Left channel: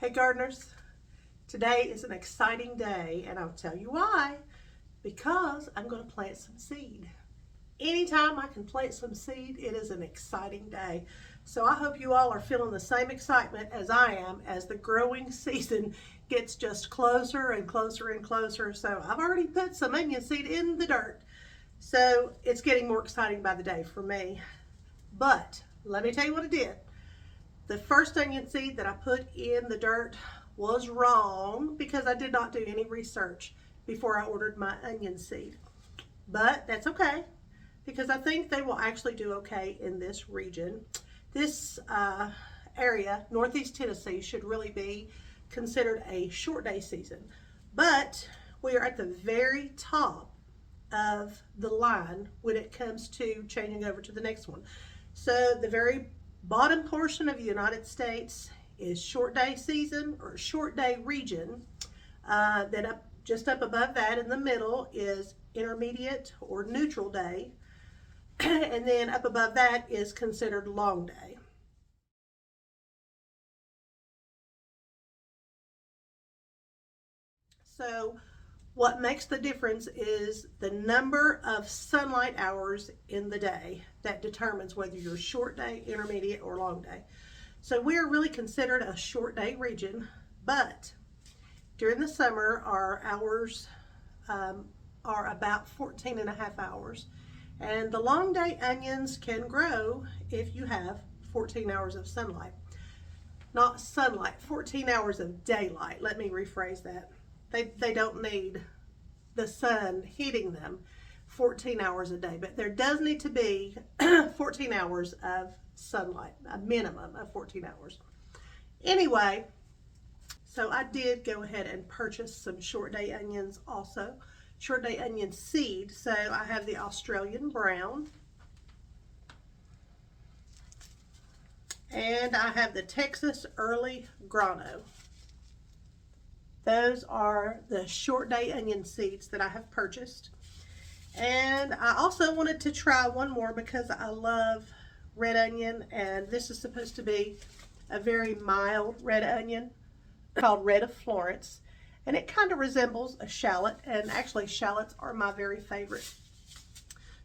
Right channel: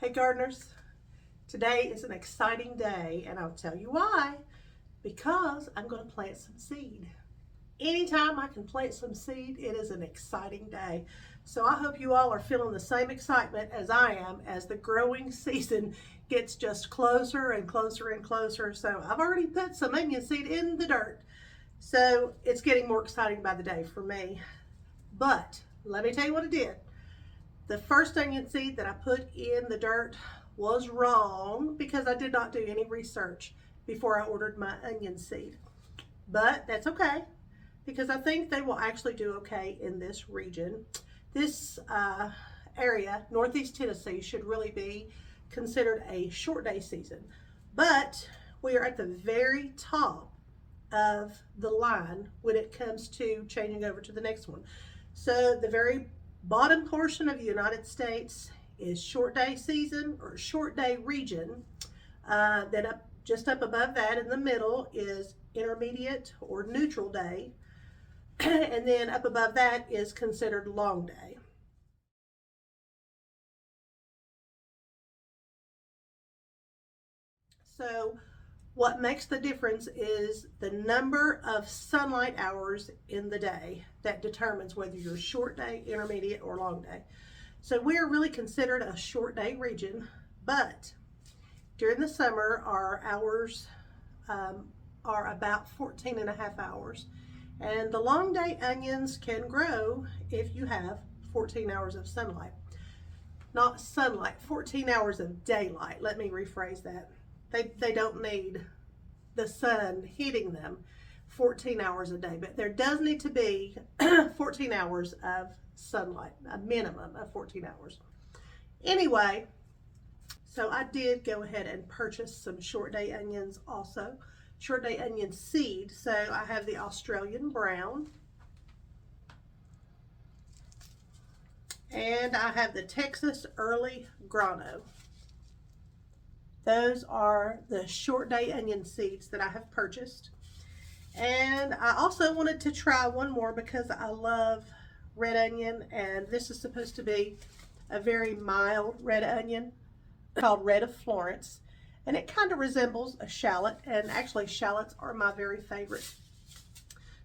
Hey gardeners, today is an exciting day and I'll tell you why. Because I'm going to plant some seed. Anytime I can plant some seed, it is an exciting day. So I hope you all are feeling the same excitement as I am as the growing season gets just closer and closer and closer. So I've already put some onion seed in the dirt. So it's getting more exciting by the day for me. But let me tell you what I did. The first onion seed that I put in the dirt was wrong because I did not do any research before I ordered my onion seed. But that's okay because I think they will actually do okay in this region. This area, Northeast Tennessee, should really be considered a short day season. But we are at the very top of the line when it comes to changing over to the next one. So the very bottom portion of the United States is short day season or short day region. Then just up above that in the middle is intermediate or neutral day. And then up above that is considered long day. So what makes the difference is the number of sunlight hours in the day that determines whether you're short day, intermediate, or long day. So we are really considered a short day region, but during the summer our hours are about 14 and a half hours. And the long day onions can grow if you have 14 hours of sunlight. Not sunlight, 14 hours of daylight. Let me rephrase that. They don't need the sun hitting them 14 hours a day, but there does need to be 14 hours of sunlight, a minimum of 14 hours. Anyway, so I did go ahead and purchase some short day onions also, short day onion seed. So I have the Australian brown and I have the Texas early grano. Those are the short day onion seeds that I have purchased. And I also wanted to try one more because I love red onion, and this is supposed to be a very mild red onion called Red of Florence. And it kind of resembles a shallot, and actually shallots are my very favorite.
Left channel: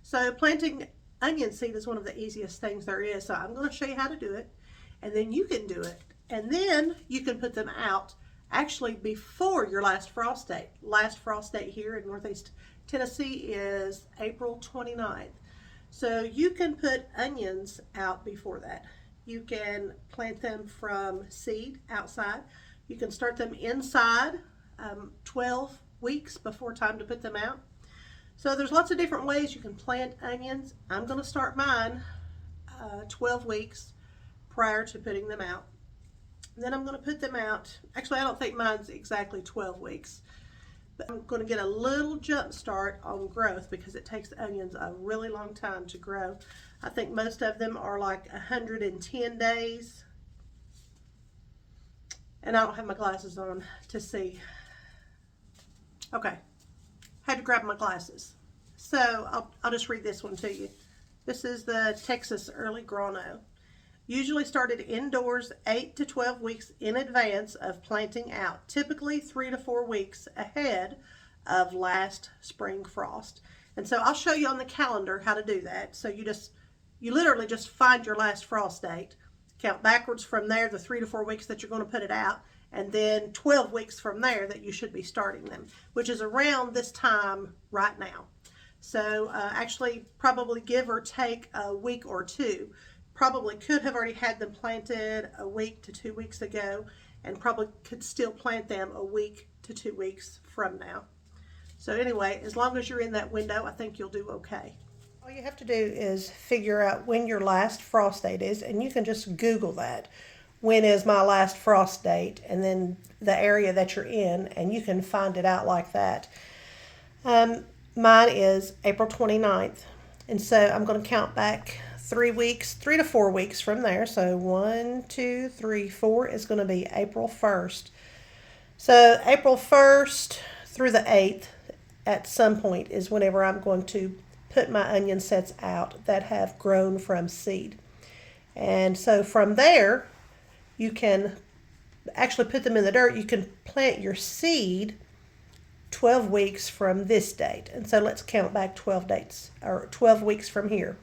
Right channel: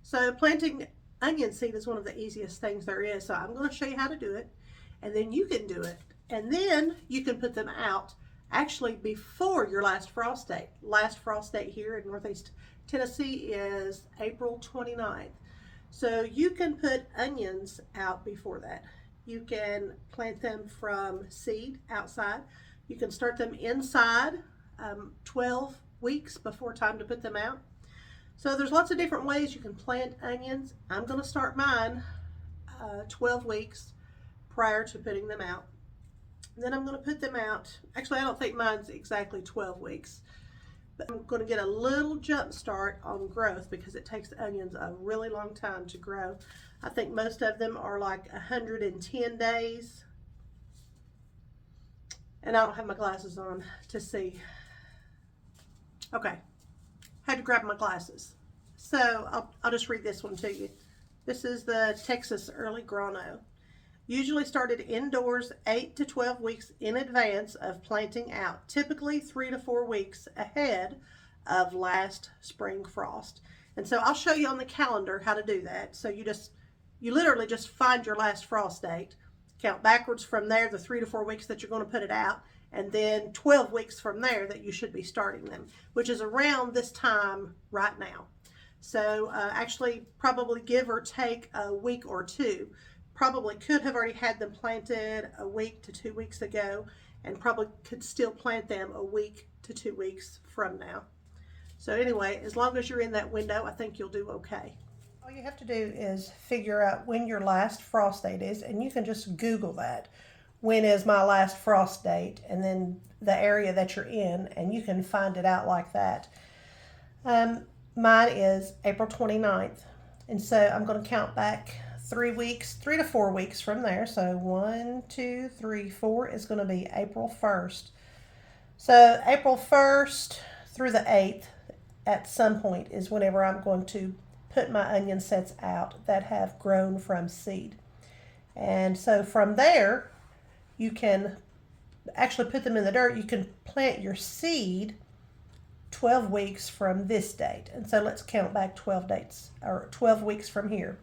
So planting onion seed is one of the easiest things there is. So I'm going to show you how to do it, and then you can do it. And then you can put them out actually before your last frost date. Last frost date here in Northeast Tennessee is April 29th. So you can put onions out before that. You can plant them from seed outside. You can start them inside 12 weeks before time to put them out. So there's lots of different ways you can plant onions. I'm going to start mine 12 weeks prior to putting them out. And then I'm going to put them out. Actually, I don't think mine's exactly 12 weeks. But I'm going to get a little jump start on growth because it takes onions a really long time to grow. I think most of them are like 110 days. And I don't have my glasses on to see. Okay, had to grab my glasses. So I'll just read this one to you. This is the Texas early grano. Usually started indoors 8 to 12 weeks in advance of planting out, typically 3 to 4 weeks ahead of last spring frost. And so I'll show you on the calendar how to do that. So you literally just find your last frost date, count backwards from there, the 3 to 4 weeks that you're going to put it out, and then 12 weeks from there that you should be starting them, which is around this time right now. So actually probably give or take a week or two. Probably could have already had them planted a week to 2 weeks ago, and probably could still plant them a week to 2 weeks from now. So anyway, as long as you're in that window, I think you'll do okay. All you have to do is figure out when your last frost date is, and you can just Google that. When is my last frost date? And then the area that you're in, and you can find it out like that. Mine is April 29th, and so I'm going to count back 3 weeks, 3 to 4 weeks from there. So 1, 2, 3, 4 is going to be April 1st. So April 1st through the 8th at some point is whenever I'm going to put my onion sets out that have grown from seed. And so from there, you can actually put them in the dirt, you can plant your seed 12 weeks from this date. And so let's count back 12 dates, or 12 weeks from here.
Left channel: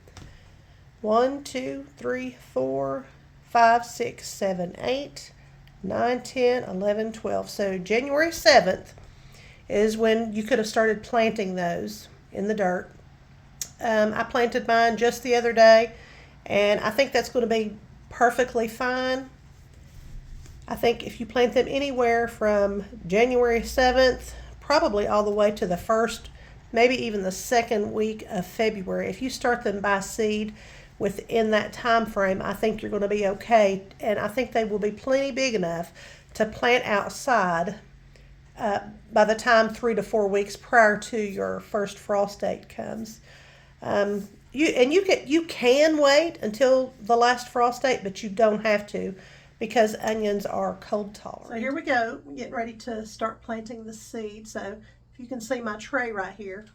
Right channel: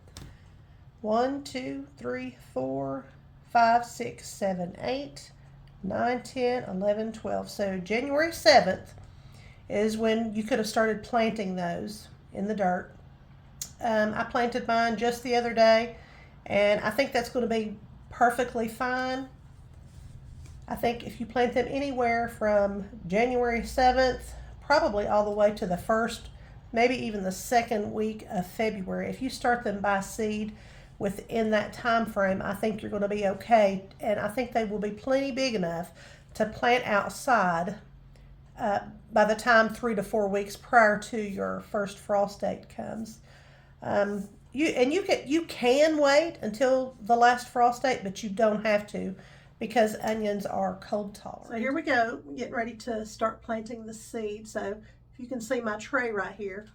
1, 2, 3, 4, 5, 6, 7, 8, 9, 10, 11, 12. So January 7th is when you could have started planting those in the dirt. I planted mine just the other day, and I think that's going to be perfectly fine. I think if you plant them anywhere from January 7th, probably all the way to the 1st, maybe even the 2nd week of February, if you start them by seed within that time frame, I think you're going to be okay. And I think they will be plenty big enough to plant outside by the time 3 to 4 weeks prior to your first frost date comes. You can wait until the last frost date, but you don't have to, because onions are cold tolerant. So here we go, getting ready to start planting the seed. So if you can see my tray right here,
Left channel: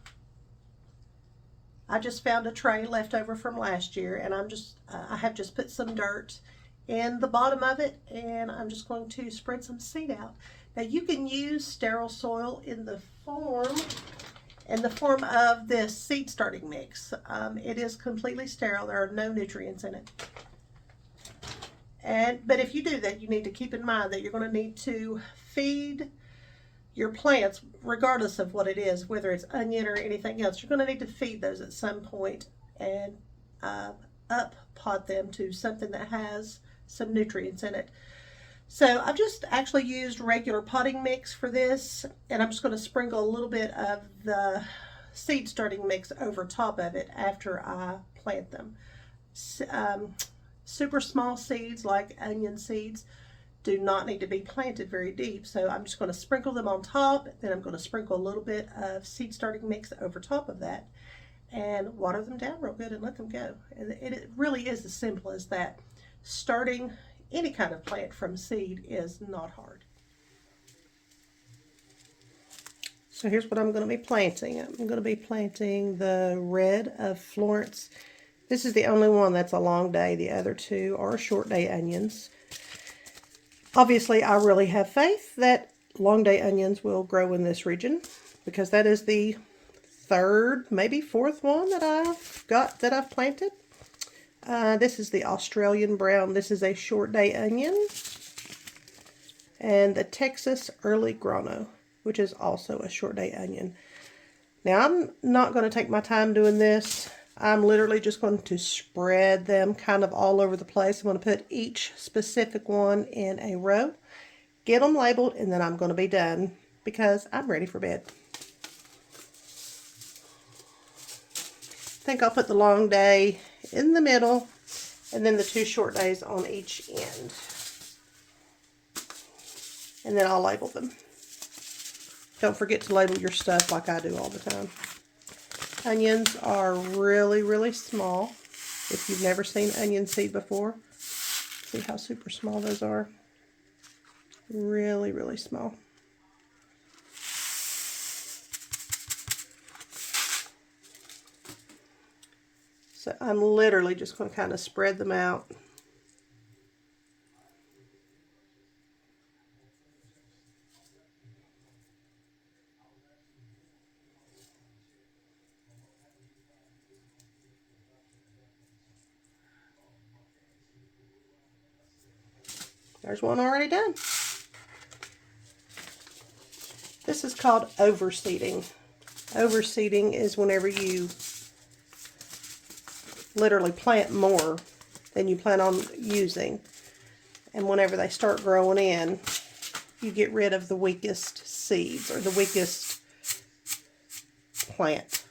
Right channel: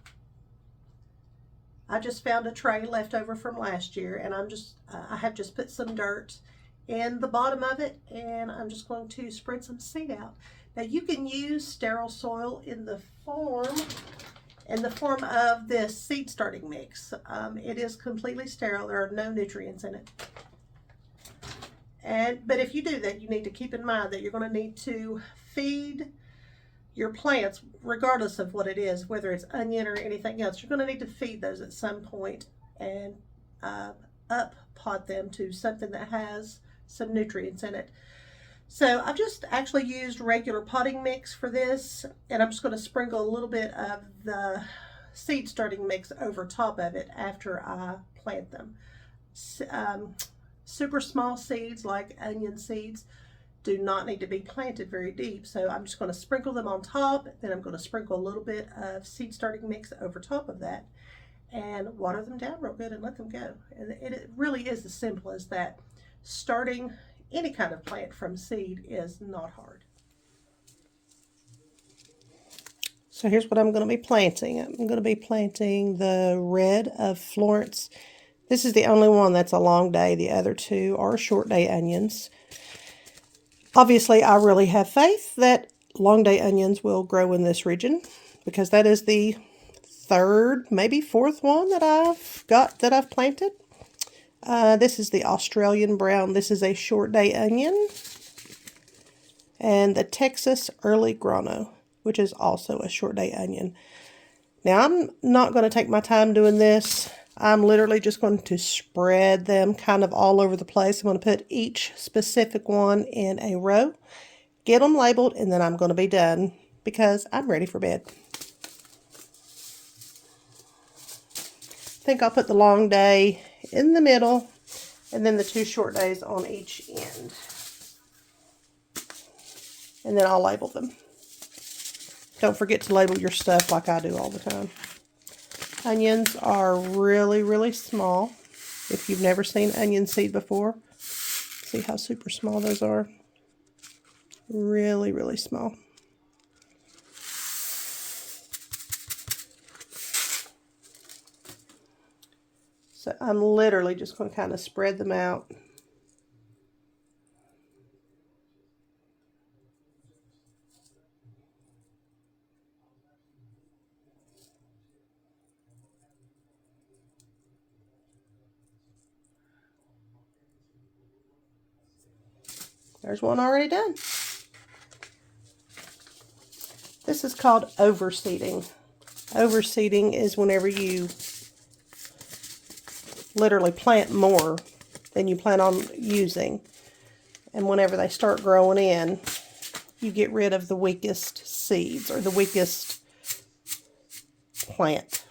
I just found a tray left over from last year, and I have just put some dirt in the bottom of it, and I'm just going to spread some seed out. Now you can use sterile soil in the form of this seed starting mix. It is completely sterile. There are no nutrients in it. But if you do that, you need to keep in mind that you're going to need to feed your plants, regardless of what it is, whether it's onion or anything else. You're going to need to feed those at some point and up pot them to something that has some nutrients in it. So I've just actually used regular potting mix for this, and I'm just going to sprinkle a little bit of the seed starting mix over top of it after I plant them. Super small seeds like onion seeds do not need to be planted very deep, so I'm just going to sprinkle them on top, then I'm going to sprinkle a little bit of seed starting mix over top of that and water them down real good and let them go. And it really is as simple as that. Starting any kind of plant from seed is not hard. So here's what I'm going to be planting. I'm going to be planting the red of Florence. This is the only one that's a long day. The other two are short day onions. Obviously, I really have faith that long day onions will grow in this region, because that is the 3rd, maybe 4th one that I've planted. This is the Australian brown. This is a short day onion. And the Texas early grano, which is also a short day onion. Now, I'm not going to take my time doing this. I'm literally just going to spread them kind of all over the place. I'm going to put each specific one in a row, get them labeled, and then I'm going to be done, because I'm ready for bed. I think I'll put the long day in the middle, and then the 2 short days on each end. And then I'll label them. Don't forget to label your stuff like I do all the time. Onions are really, really small. If you've never seen onion seed before, see how super small those are? Really, really small. So I'm literally just going to kind of spread them out. There's one already done. This is called overseeding. Overseeding is whenever you literally plant more than you plan on using. And whenever they start growing in, you get rid of the weakest seeds or the weakest plant.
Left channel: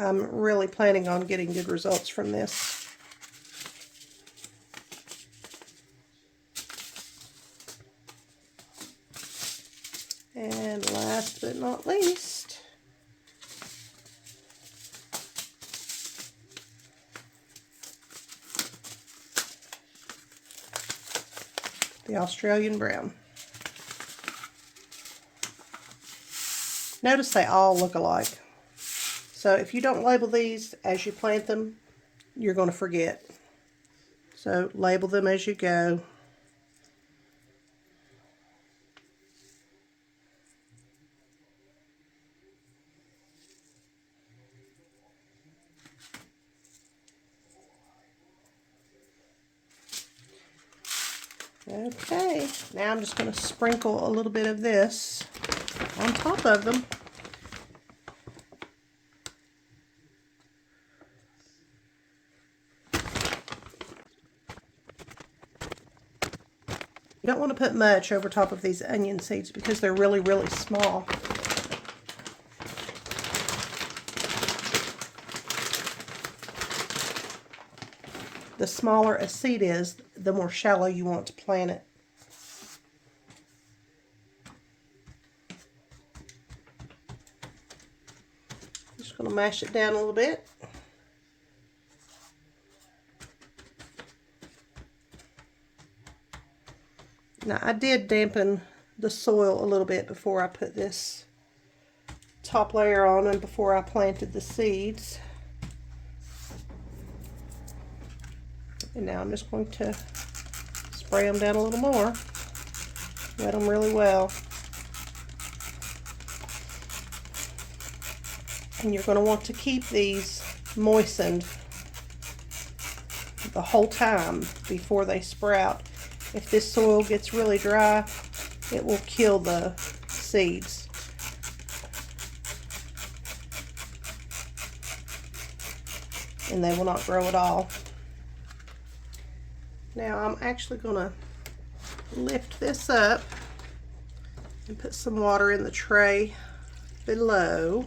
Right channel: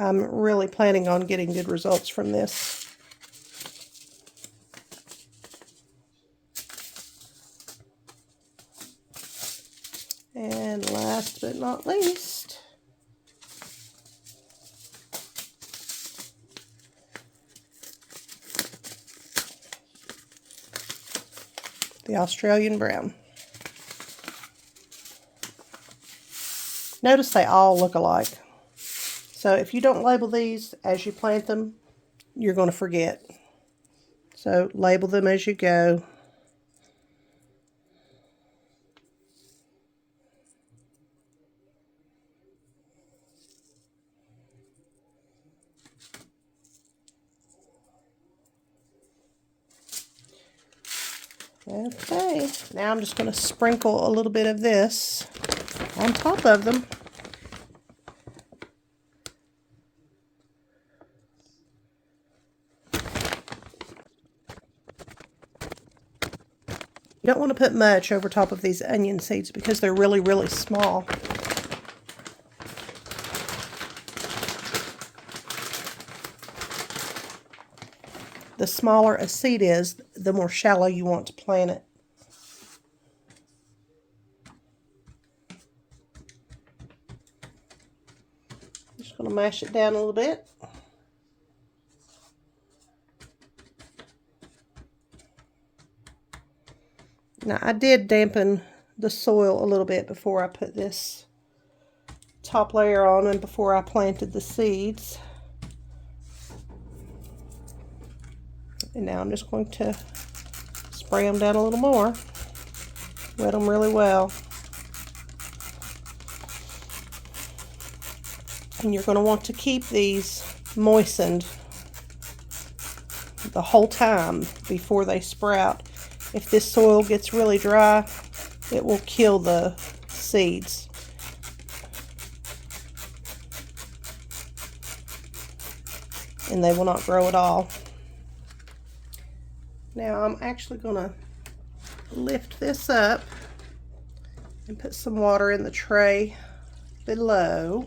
I'm really planning on getting good results from this. And last but not least, the Australian brown. Notice they all look alike. So if you don't label these as you plant them, you're going to forget. So label them as you go. Okay, now I'm just going to sprinkle a little bit of this on top of them. You don't want to put much over top of these onion seeds because they're really, really small. The smaller a seed is, the more shallow you want to plant it. Just going to mash it down a little bit. Now, I did dampen the soil a little bit before I put this top layer on and before I planted the seeds. And now I'm just going to spray them down a little more. Wet them really well. And you're going to want to keep these moistened the whole time before they sprout. If this soil gets really dry, it will kill the seeds. And they will not grow at all. Now I'm actually going to lift this up and put some water in the tray below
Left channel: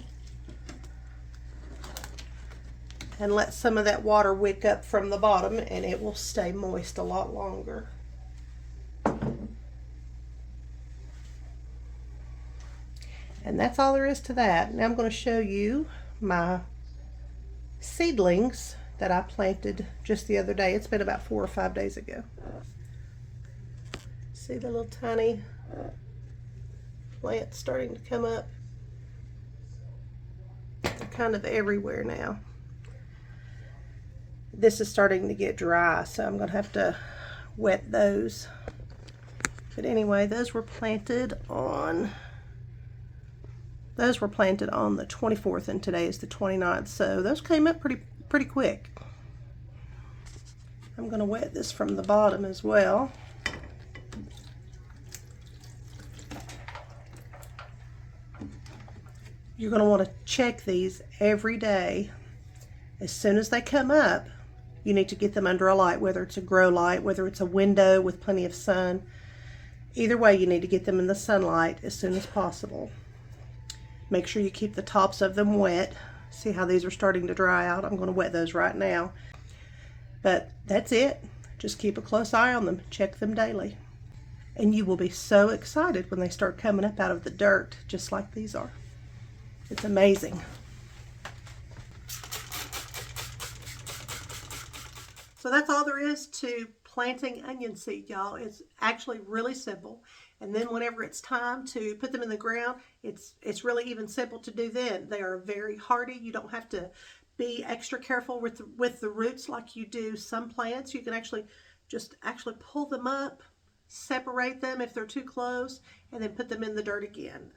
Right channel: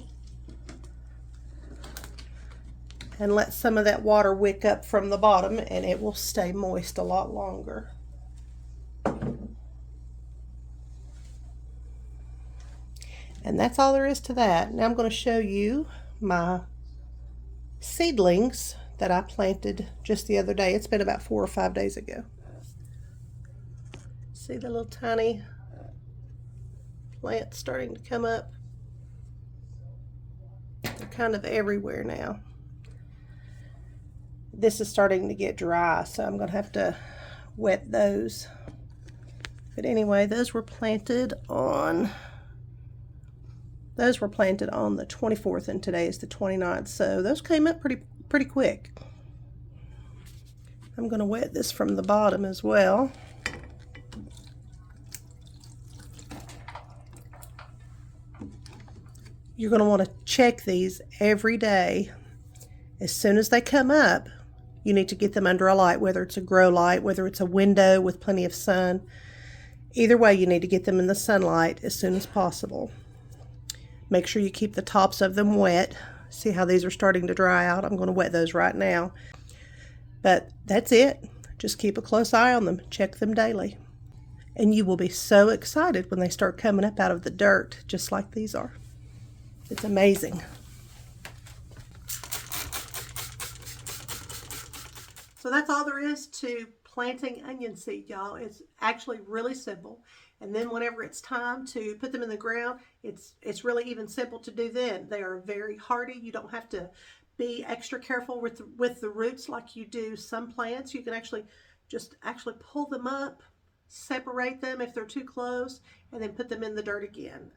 and let some of that water wick up from the bottom, and it will stay moist a lot longer. And that's all there is to that. Now I'm going to show you my seedlings that I planted just the other day. It's been about 4 or 5 days ago. See the little tiny plants starting to come up? They're kind of everywhere now. This is starting to get dry, so I'm going to have to wet those. But anyway, those were planted on the 24th, and today is the 29th, so those came up pretty quick. I'm going to wet this from the bottom as well. You're going to want to check these every day. As soon as they come up, you need to get them under a light, whether it's a grow light, whether it's a window with plenty of sun. Either way, you need to get them in the sunlight as soon as possible. Make sure you keep the tops of them wet. See how these are starting to dry out? I'm going to wet those right now. But that's it. Just keep a close eye on them. Check them daily. And you will be so excited when they start coming up out of the dirt, just like these are. It's amazing. So that's all there is to planting onion seed, y'all. It's actually really simple. And then whenever it's time to put them in the ground, it's really even simple to do then. They are very hardy. You don't have to be extra careful with the roots like you do some plants. You can actually pull them up, separate them if they're too close, and then put them in the dirt again.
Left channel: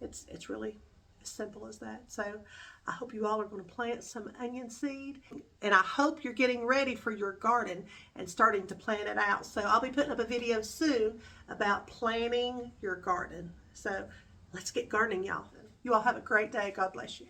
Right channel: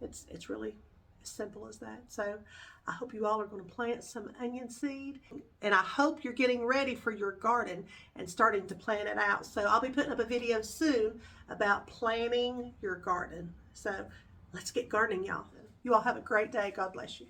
It's really as simple as that. So I hope you all are going to plant some onion seed, and I hope you're getting ready for your garden and starting to plant it out. So I'll be putting up a video soon about planting your garden. So let's get gardening, y'all. You all have a great day. God bless you.